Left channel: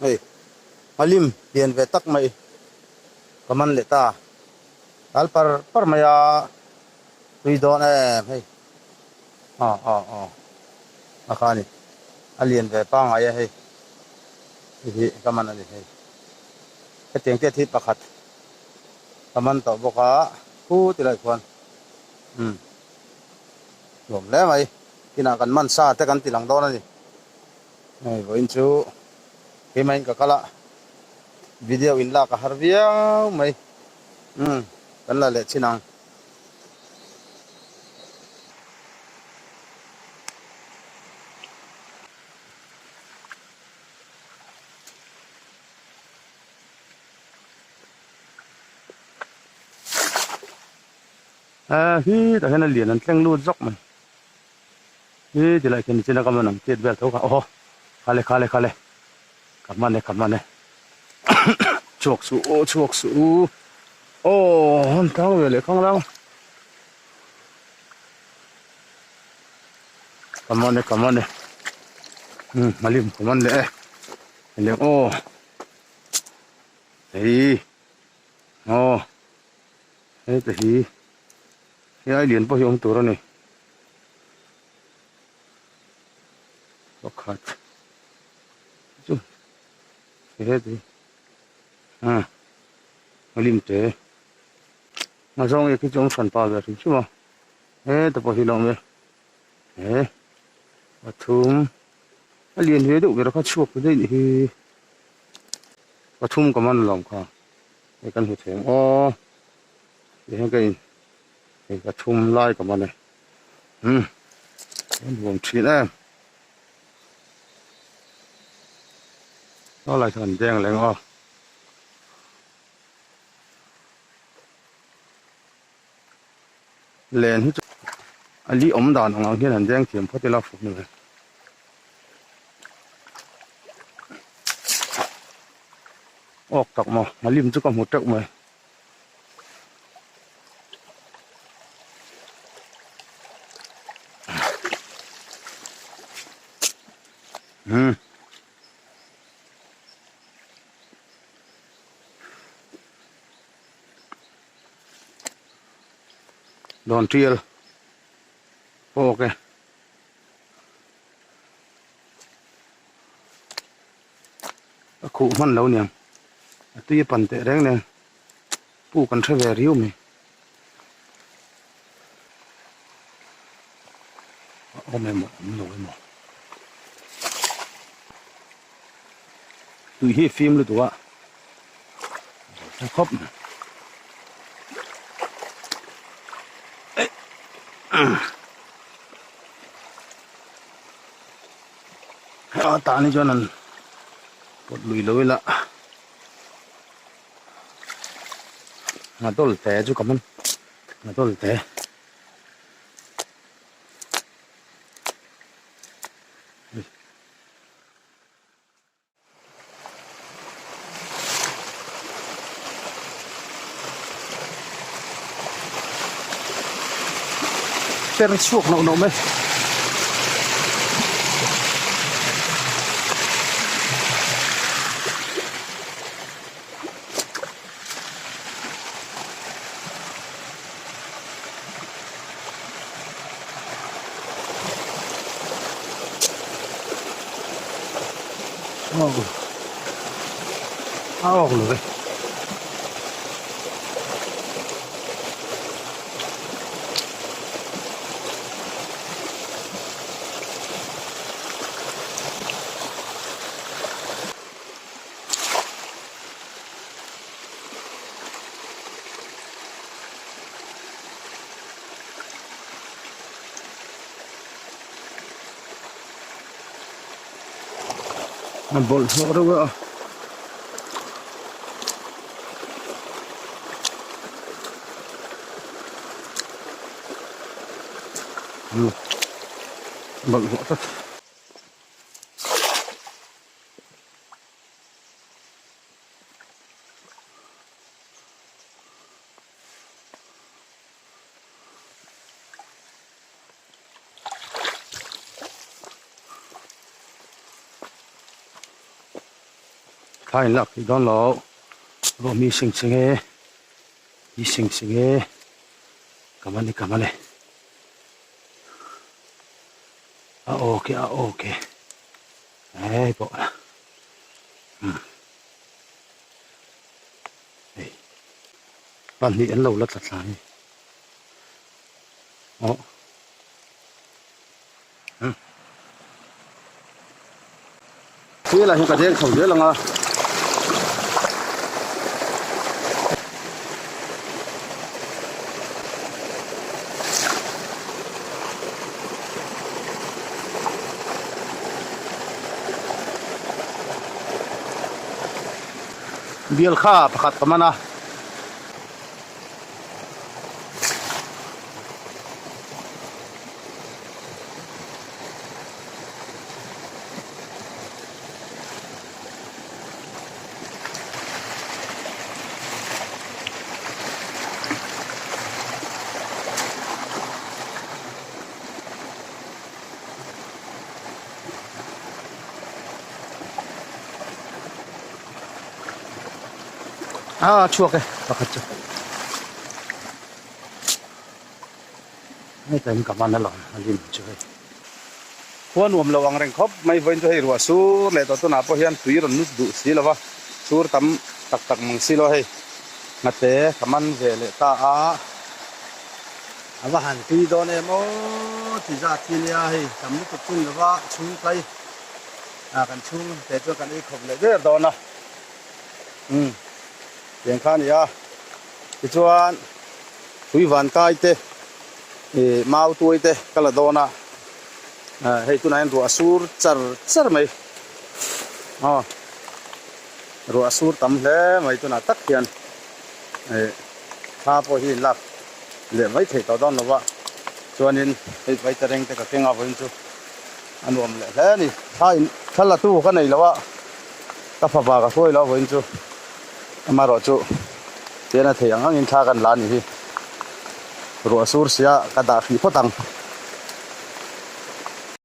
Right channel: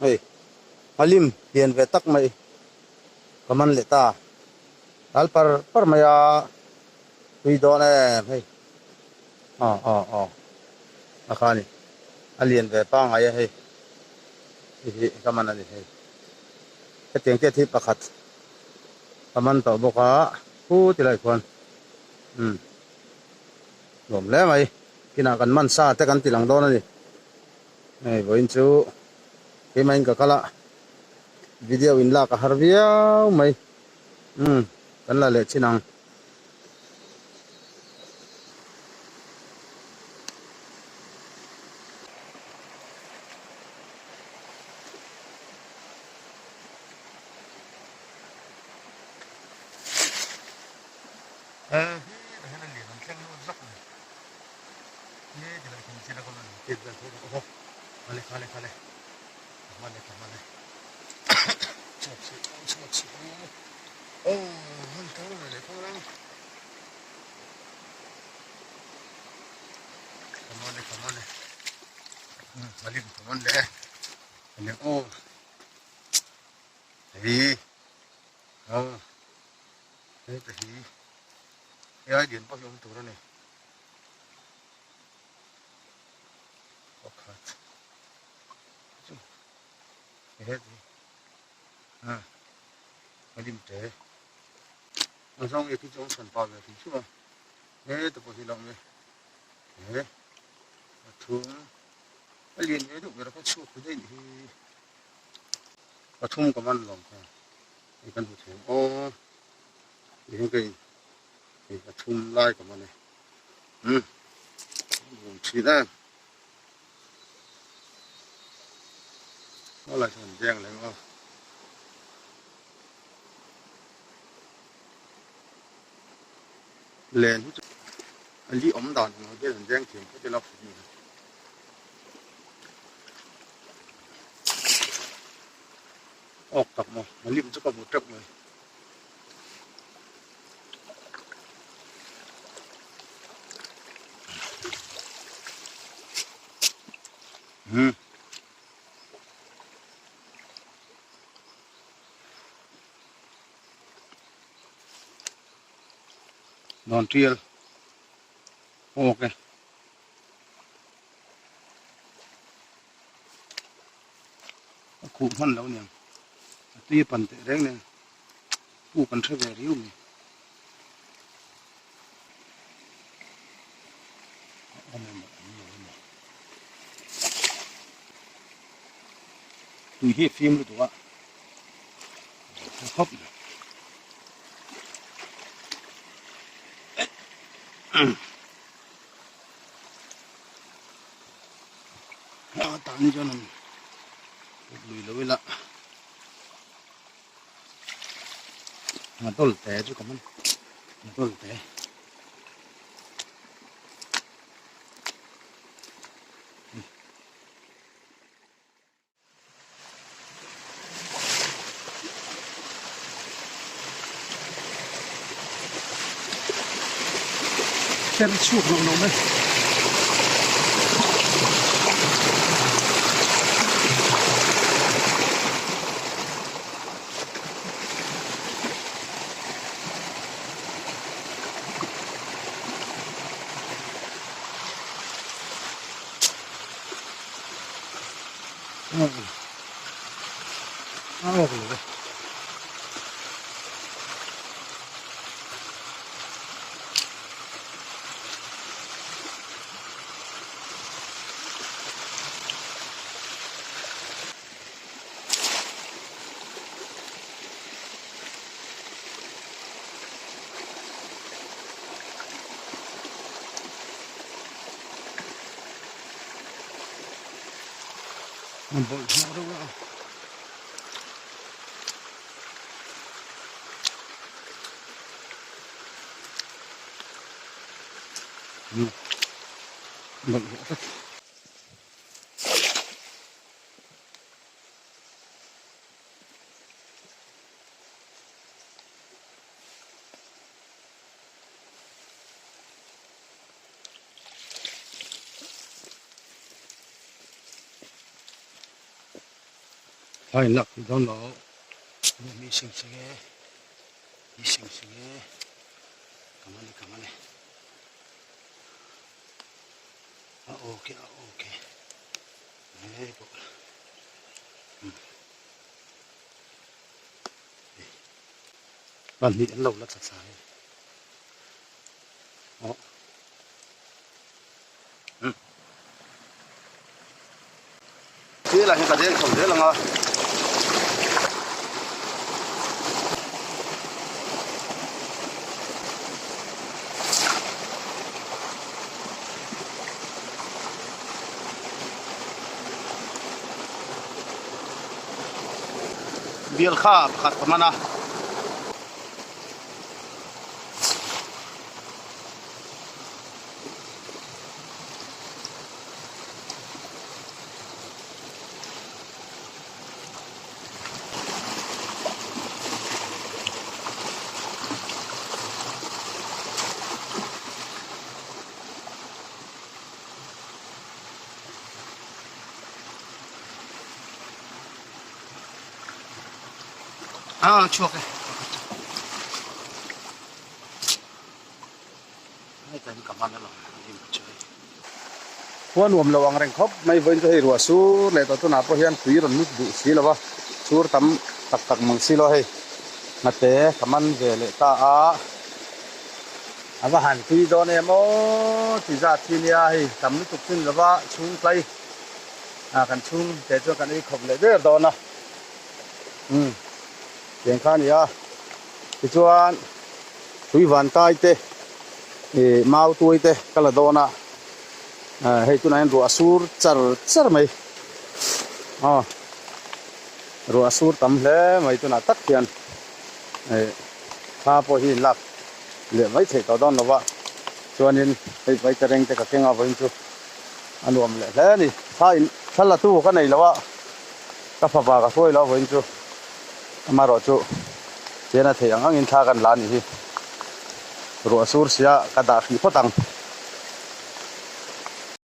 hey alim hiền về tắc mày kaman lệ ta al par maya tùy đó nè hey akhani alien về pang ai hey hi kaman ani hey cái tiếng tiết thi pakhat kaman to boka pu tilai khuan lom le mai kina kan man sa te kan tilang do na ni hey voin chu ke main ka kala video in la ka harvia mai kan la le chinang hi ta hena lian an tleng lu zok mai hi tilai khen china ka manang tet bel tho ka khale kamane chuak su hon thang ve le khang lang kamane malim kaman le le hey hey ta hi ya lian po yung turo ni bakhat chu he ti malim te ma song ye ki chong san pa ga ri chu ma he ta po hi long me he pathum alien he du ga kha chuak de ni hi pathum kaman long kha e kan hu theng ye he kai cái thum lai của mình này buồng chuyện em nó lại thành đen lại ngon lên hết anh đi ống đàn hoàng hiện thành đen kiếm phát đi la phục nữa ốc tặc mà lim chứ còn một trận mà đòn triel ok cụ man lâu niệm tuy phần tệ đấy nè phụ cần sẽ về riu mình ôm em một nổi một tùy hi phim luôn tụi ạ khóc tani cho nên một lùi lối lạ mà tôi té chú cảm ơn mà tôi té xe suộc nổ mấy rồi bol rồi bol rất khai lạc thì đón lỗ rồi mi sinh sinh nghe mi sinh sinh nghe cảm ơn đi ok ok đấy bộ là bạn đi ăn lâu lắm thật sai đó thế là hiện tại không biết là ngờ biel kha pakhat kamana chuộc cái pakhatไม่เต็มกับมันนั่นหรอกอันนี้ช่วยหัวหนุ่มระวังแรงครบไม่เว้นจะให้รัวสู้เลยตัวน่าพอเห็นถุยรนุดดุสีแล้ววะสู้ตั้มตักมังสีเลยงัดเตะกับมันเวลตาอาว่าหันถุยโดนเอโมที่จะที่นี่ให้ตั้มนุดตุกขึ้นแล้วว่าชุ่งไปกันชุ่งแต่ช่วยกันไอ้ขบเลยเด้อโดนนะเสียงข้านี่ที่ชวนถุยหวานใกล้เตะมาเอาตัวเตะก็ละโดนะให้ตัวนั้นรัวสูรจัดไหมรัวสูรตั้มเลยไม่ตัวนั้นตักเทียนข้าพอหินหลักเหลือไว้เถอะตอนนั้นว่าชวนนินให้ไว้จะเร่งแต่ก็เก่งเอาไว้จู่อันรวมเลยแล้วนี่ถ้าละตู้ก็ไหนแล้วว่าก็พอปากก็ช่วยแล้วไว้จู่มารอจู่เดี๋ยวนะเถียงงั้นท่ากันล้านนี่รัวสูรเสียกระดาษนี่พอตัง